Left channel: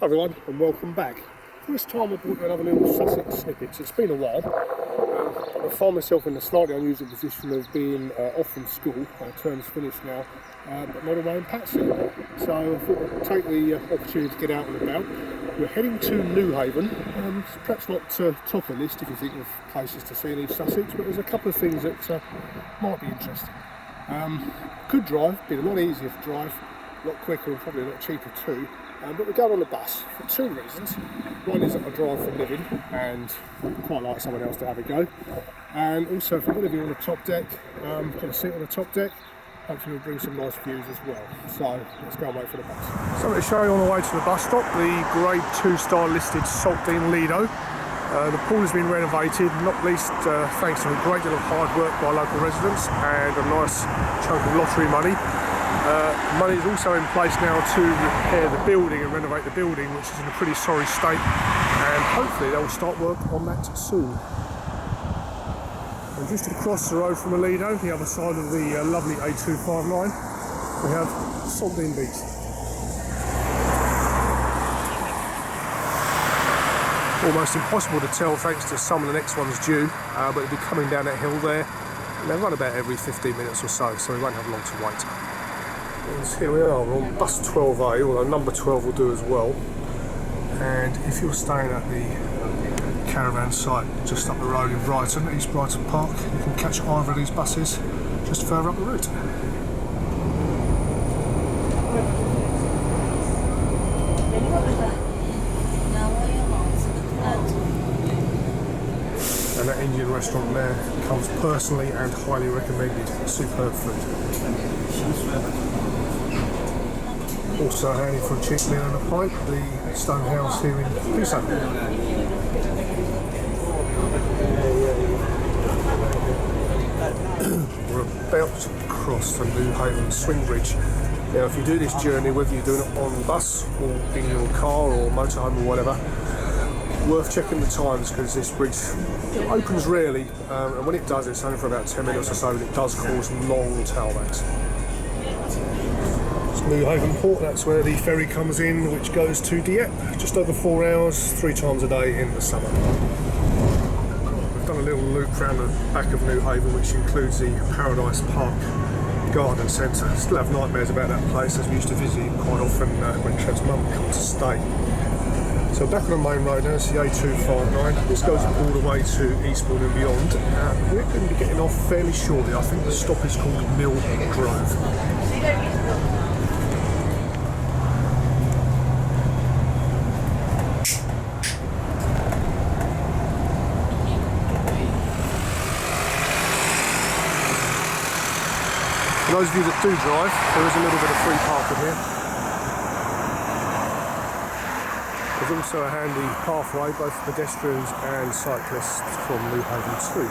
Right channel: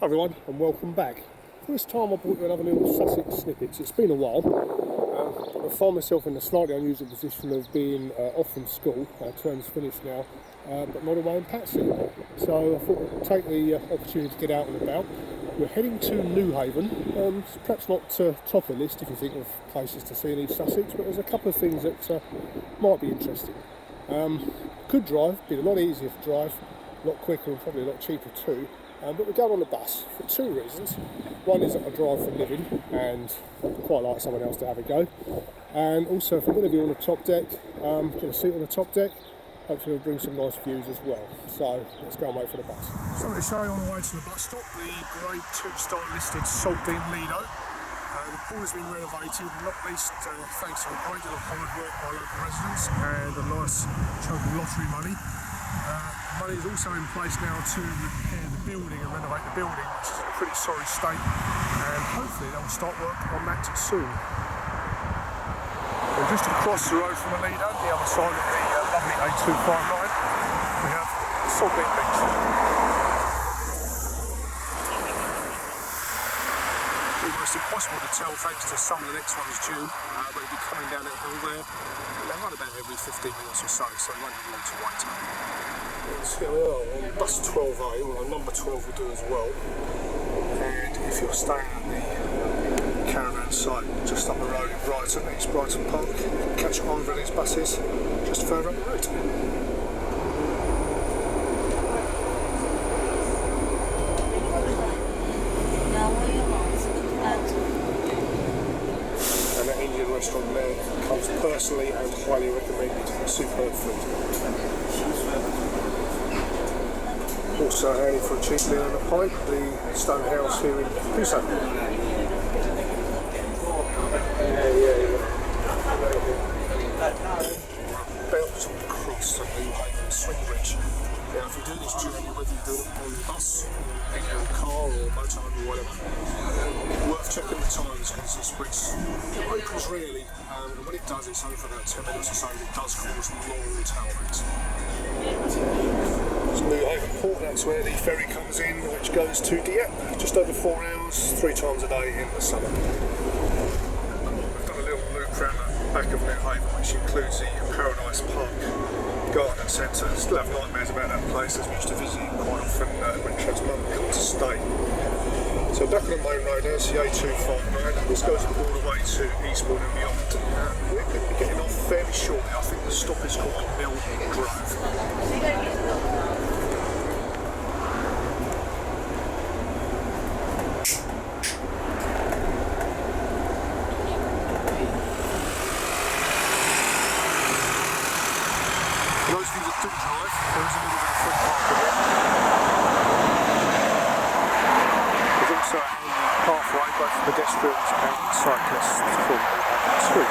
Hi everyone and welcome back. This time I brought you another little Sussex snippet. It's been a while. I find myself in the slightly unusual position of being off from school. Term's finished now, but not away in Patsy. So I thought I'd take the opportunity to get out and about. We're heading to Newhaven. It's perhaps not top of the list if you think of places to see in East Sussex, but there's a couple of things that might be interesting. Could drive, be a lot easier to drive, a lot quicker and probably a lot cheaper too. But we go on the bus for two reasons. One is that I drive for a living and I'd quite like someone else to have a go. And also if I'm going to be on the top deck, get a seat on the top deck, hopefully we'll bring some nice views as well. So let's go and wait for the bus. So I'm going to show you on the way to the bus stop the grade 2-star listed Saltdean Lido. The pool has been renovated, not least thanks to a great deal of hard work by local residents and a nice chunk of lottery money. Money is also in place now to repair the building and renovate the building, which is in a pretty sorry state, and hopefully they'll start work on that soon. And just across the road from the Lido, the other side of the lovely A259, we have Saltdean Beach. Almost impossible to tell thanks to some of the next one's due, but it'll be coming down that hill there. And they run about every 15 minutes or so we won't have long to wait. And here we are, we're on bus 12A, although number 12 will do as well. And if you're staying at the caravan site just up the road in Brighton, East Brighton Park, you can catch either of these buses just further up the route. And that Indian restaurant there comes personally and highly recommended. Superb food. Also handy for a cheap meal and a pint, the Stone House here in Eastbourne. We're about to cross the Newhaven swing bridge. Now if you do this journey, whether you're doing it on bus or in your car or motorhome or whatever, worth checking the times because this bridge opens rarely, and when it does it's only for about 10 minutes or so, and it does cause long tailbacks. It's Newhaven Fort, that's where the ferry comes in, which goes to Dieppe, just over 4 hours, 3 times a day in the summer. We've done a little loop around the back of Newhaven, which includes the Paradise Park Garden Centre. Still have nightmares about that place, as we used to visit it quite often when Trev's mum come to stay. So back on the main road now, it's the A259. This goes all the way to Eastbourne and beyond. We're going to be getting off fairly shortly. I think the stop is called Mill Grove. For those of you that do drive, there is a little bit of free parking here. There's also a handy pathway, both for pedestrians and cyclists from Newhaven too.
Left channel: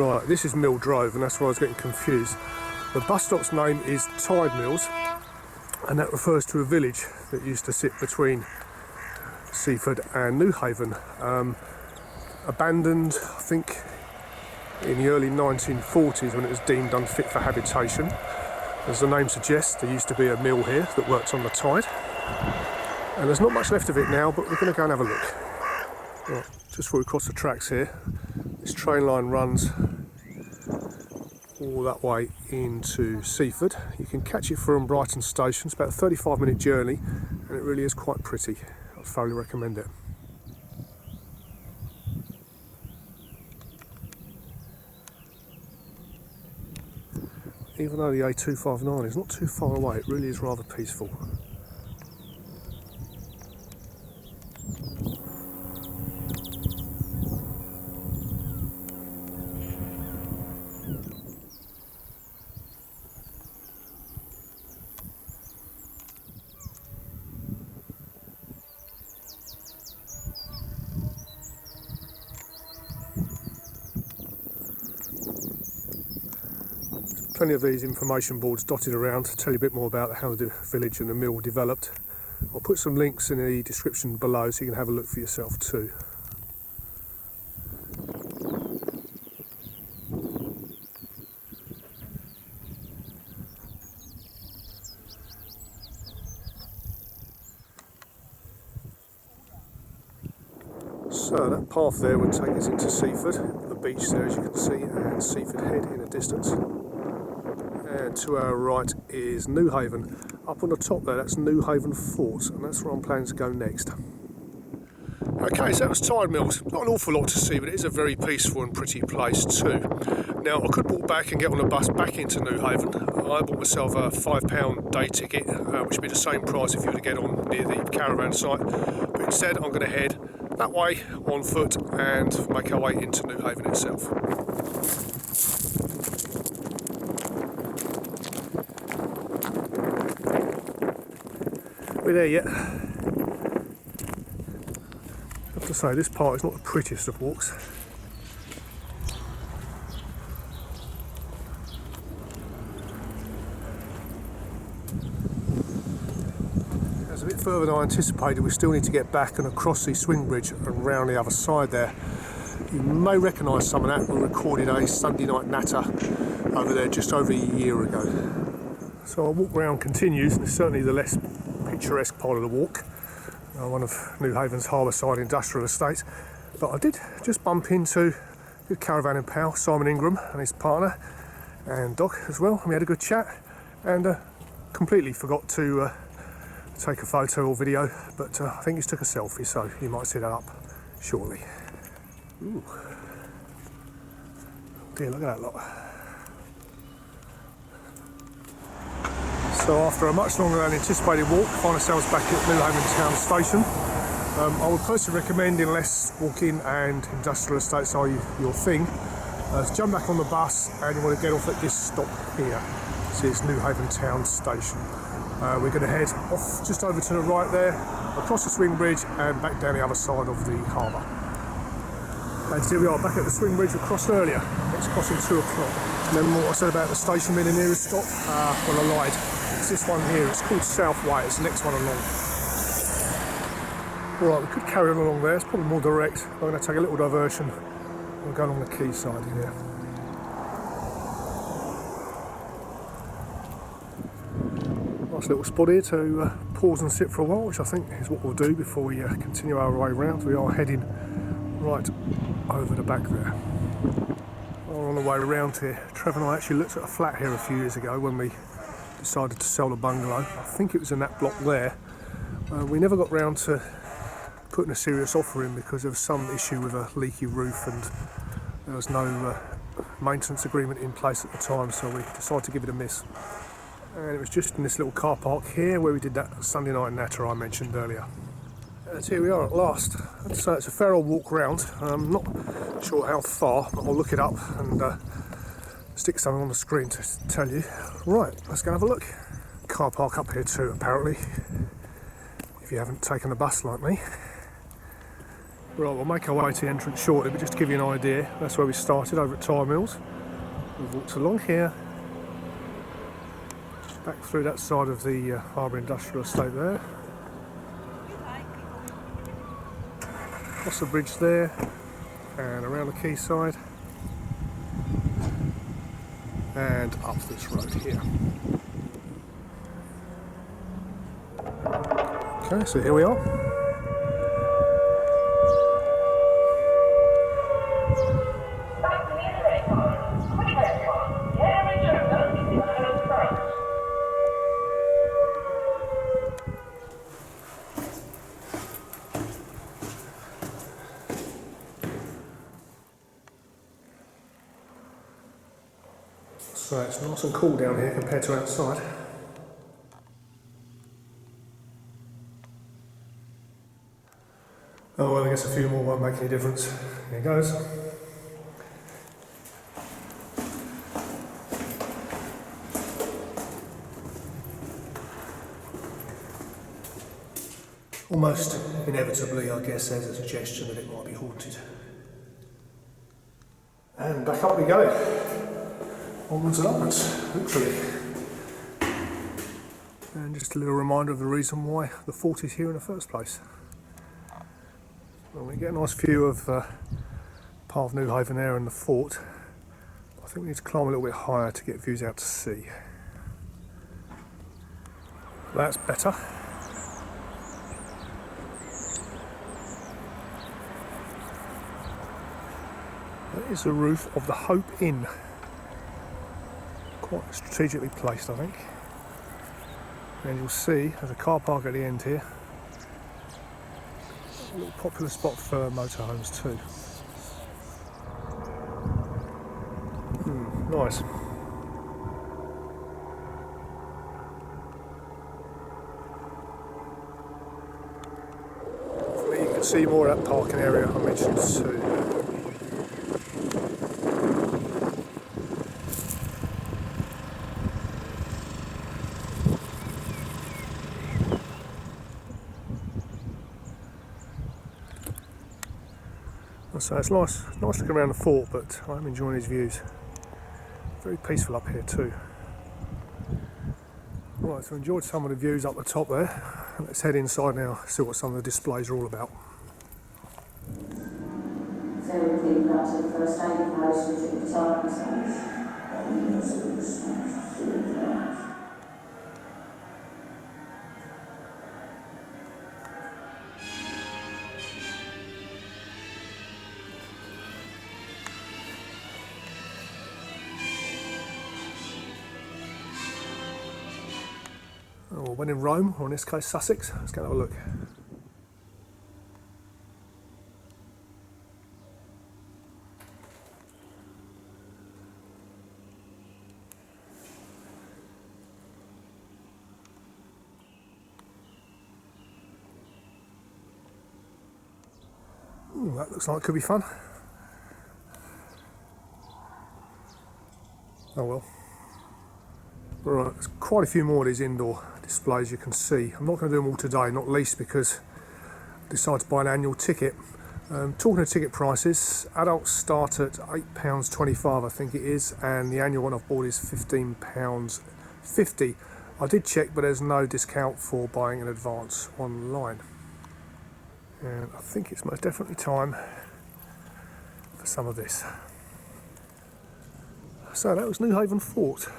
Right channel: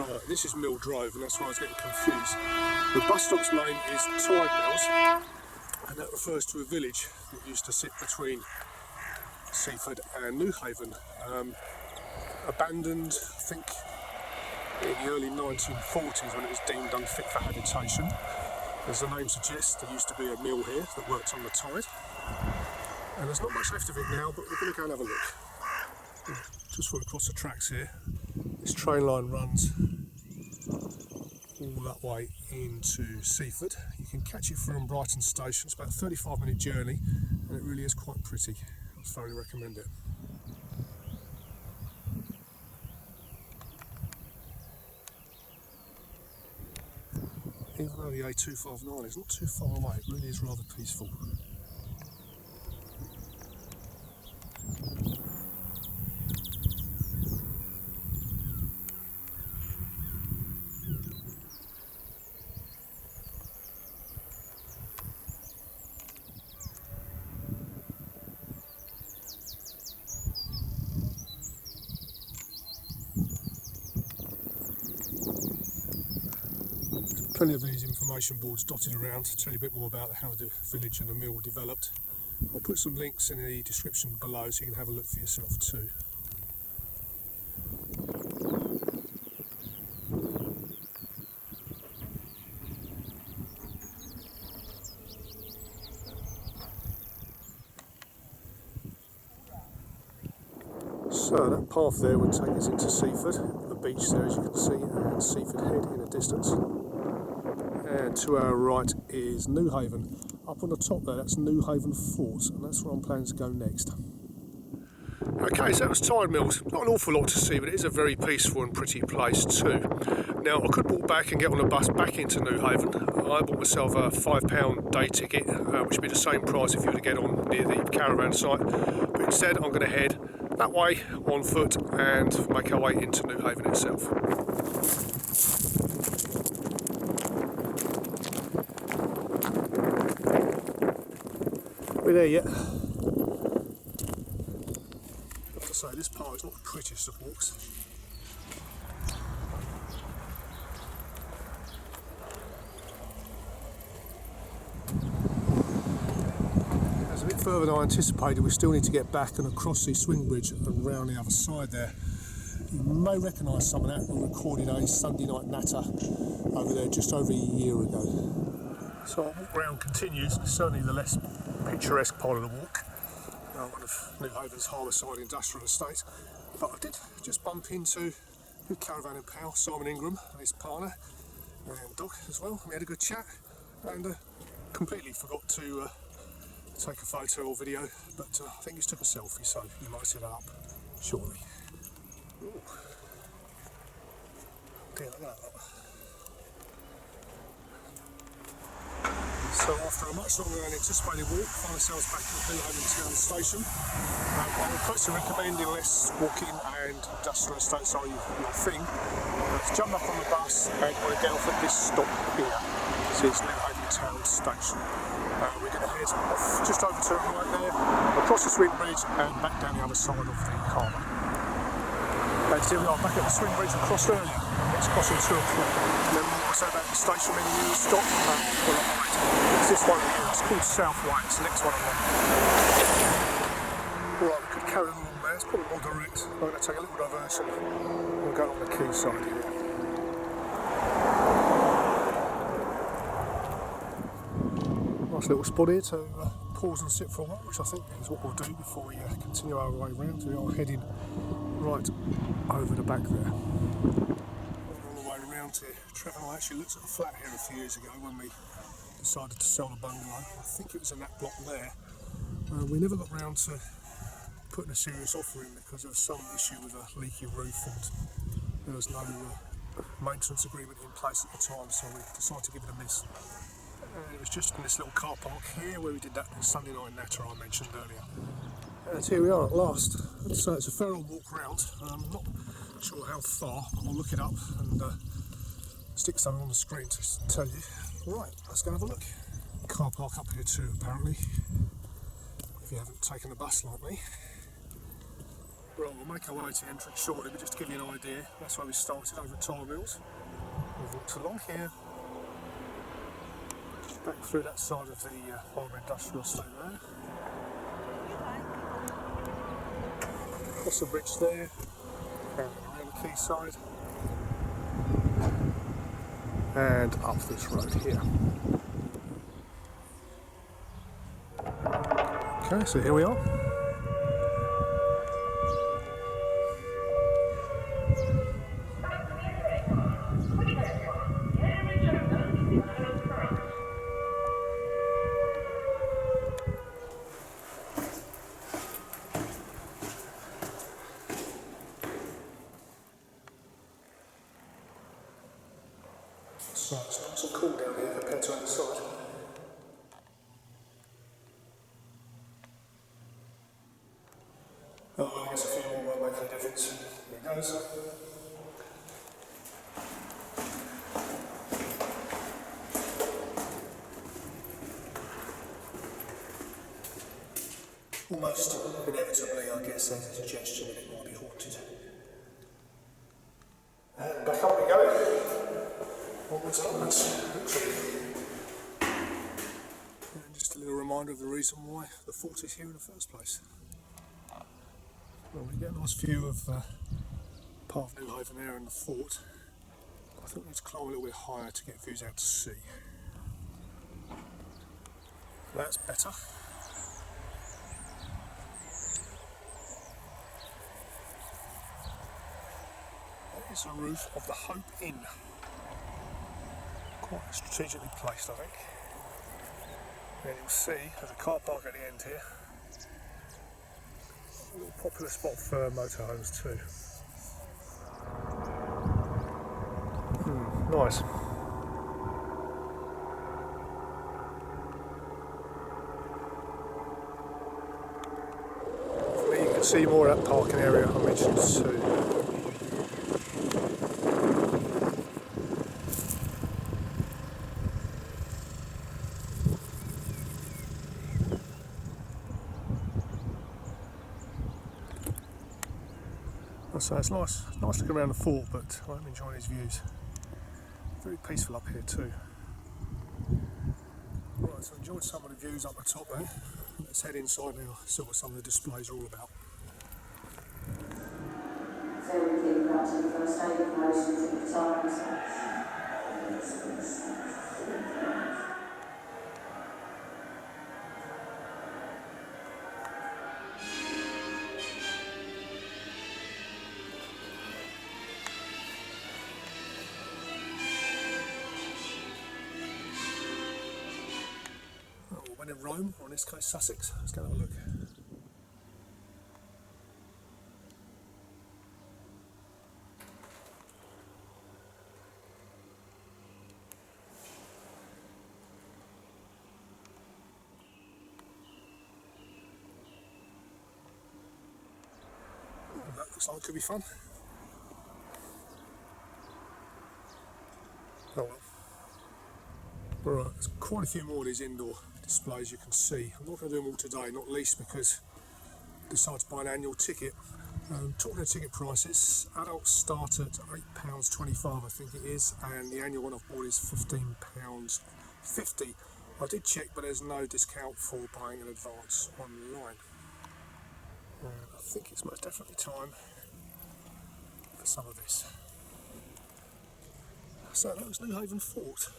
Right, this is Mill Grove, and that's where I was getting confused. The bus stop's name is Tidemills, and that refers to a village that used to sit between Seaford and Newhaven, abandoned I think in the early 1940s when it was deemed unfit for habitation. As the name suggests, there used to be a mill here that worked on the tide, and there's not much left of it now, but we're going to go and have a look. Right, just before we cross the tracks here, this train line runs all that way into Seaford. You can catch it from Brighton station. It's about a 35-minute journey and it really is quite pretty. I thoroughly recommend it. Even though the A259 is not too far away, it really is rather peaceful. Plenty of these information boards dotted around to tell you a bit more about how the village and the mill developed. I'll put some links in the description below so you can have a look for yourself too. So that path there would take us into Seaford, the beach there as you can see, and Seaford Head in the distance. And to our right is Newhaven. Up on the top there, that's Newhaven Fort, and that's where I'm planning to go next. Okay, so that was Tidemills. Not an awful lot to see, but it is a very peaceful and pretty place too. Now, I could walk back and get on a bus back into Newhaven. I bought myself a £5 day ticket, which would be the same price if you were to get on near the caravan site. But instead, I'm going to head that way on foot and make our way into Newhaven itself. We're there yet. I have to say, this part is not the prettiest of walks. It's a bit further than I anticipated. We still need to get back and across the swing bridge and round the other side there. You may recognise some of that. We recorded a Sunday night natter over there just over a year ago. So our walk round continues, and it's certainly the less picturesque part of the walk, one of Newhaven's harbourside industrial estates. But I did just bump into good caravan and pal Simon Ingram and his partner, and Doc as well. We had a good chat, and completely forgot to take a photo or video, but I think he took a selfie, so you might see that up shortly. Ooh. Dear, look at that lot. So after a much longer than anticipated walk, find ourselves back at Newhaven Town Station. I would personally recommend, unless walking and industrial estates are your thing, to jump back on the bus and you want to get off at this stop here. This is Newhaven Town Station. We're going to head off just over to the right there, across the swing bridge and back down the other side of the harbour. And here we are, back at the swing bridge we crossed earlier. It's crossing 2 o'clock. Remember what I said about the station being the nearest stop? Well, I lied. It's this one here. It's called Southway. It's the next one along. Alright, we could carry on along there. It's probably more direct. I'm going to take a little diversion. We'll go along the quay side here. Nice little spot here to pause and sit for a while, which I think is what we'll do before we continue our way round. We are heading right over the back there. On the way around here, Trevor and I actually looked at a flat here a few years ago when we decided to sell the bungalow. I think it was in that block there. We never got round to putting a serious offer in because there was some issue with a leaky roof and there was no maintenance agreement in place at the time, so we decided to give it a miss. And it was just in this little car park here where we did that Sunday night natter I mentioned earlier. And here we are at last. So it's a fair old walk round. I'm not sure how far, but I'll look it up and stick something on the screen to tell you. Right, let's go have a look. Car park up here too, apparently, if you haven't taken a bus like me. Right, we'll make our way to the entrance shortly, but just to give you an idea, that's where we started, over at Tidemills. We've walked along here, back through that side of the harbour industrial estate there. Across the bridge there, and around the quayside, and up this road here. Okay, so here we are. So it's nice and cool down here compared to outside. Oh well, I guess a few more won't make any difference. Here goes. Almost inevitably, I guess, there's a suggestion that it might be haunted. And back up we go. Onwards and upwards, literally. And just just a little reminder of the reason why the fort is here in the first place. Well, we get a nice view of part of Newhaven there and the fort. I think we need to climb a little bit higher to get views out to sea. That's better. That is the roof of the Hope Inn. Quite strategically placed, I think. And you'll see there's a car park at the end here. A little popular spot for motorhomes too. Nice. Hopefully you can see more of that parking area I mentioned too. So it's nice looking around the fort, but I'm enjoying these views. Very peaceful up here too. Right, so enjoyed some of the views up the top there. Let's head inside now, see what some of the displays are all about. So we think that to the first aid post and took the time space. When in Rome, or in this case Sussex, let's go and have a look. Ooh, that looks like it could be fun. Oh well. Right, there's quite a few more of these indoor displays you can see. I'm not going to do them all today, not least because I decided to buy an annual ticket. Talking of ticket prices, adults start at £8.25 I think it is, and the annual one I've bought is £15.50. I did check, but there's no discount for buying in advance online. And I think it's most definitely time for some of this. So that was Newhaven Fort.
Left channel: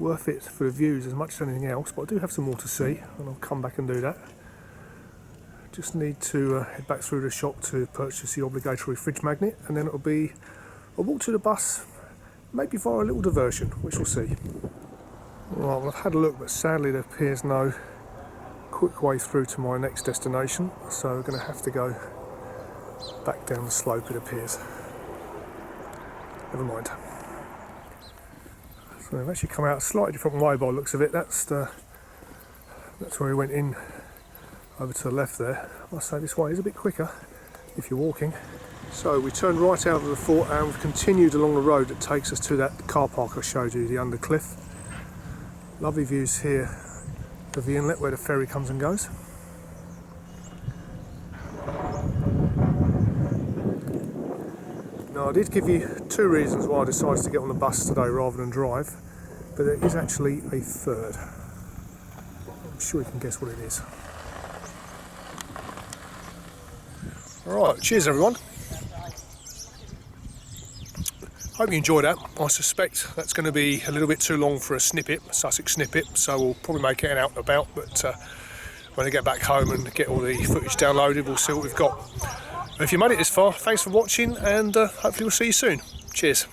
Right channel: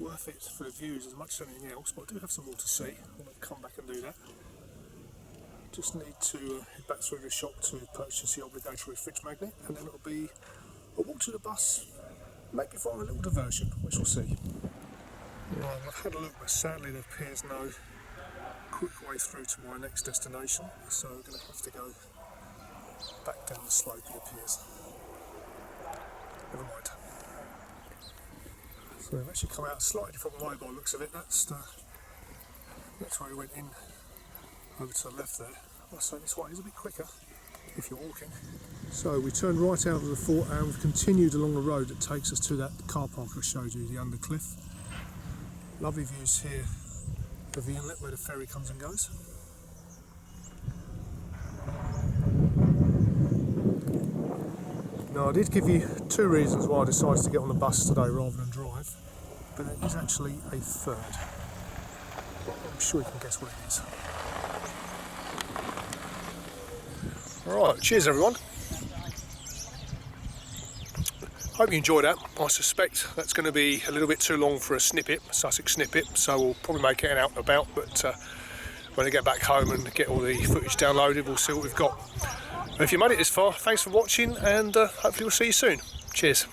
Worth it for the views as much as anything else, but I do have some more to see and I'll come back and do that. Just need to head back through the shop to purchase the obligatory fridge magnet, and then it'll be a walk to the bus, maybe via a little diversion, which we'll see. Right, well, I've had a look, but sadly there appears no quick way through to my next destination, so we're going to have to go back down the slope, it appears. Never mind. So we've actually come out a slightly different way by the looks of it. That's where we went in over to the left there. I'll say this way is a bit quicker if you're walking. So we turned right out of the fort and we've continued along the road that takes us to that car park I showed you, the Undercliff. Lovely views here of the inlet where the ferry comes and goes. Now I did give you two reasons why I decided to get on the bus today rather than drive, but there is actually a third. I'm sure you can guess what it is. Alright, cheers everyone. Hope you enjoyed that. I suspect that's going to be a little bit too long for a snippet, a Sussex snippet, so we'll probably make it an out and about, but when I get back home and get all the footage downloaded, we'll see what we've got. If you made it this far, thanks for watching, and hopefully we'll see you soon. Cheers.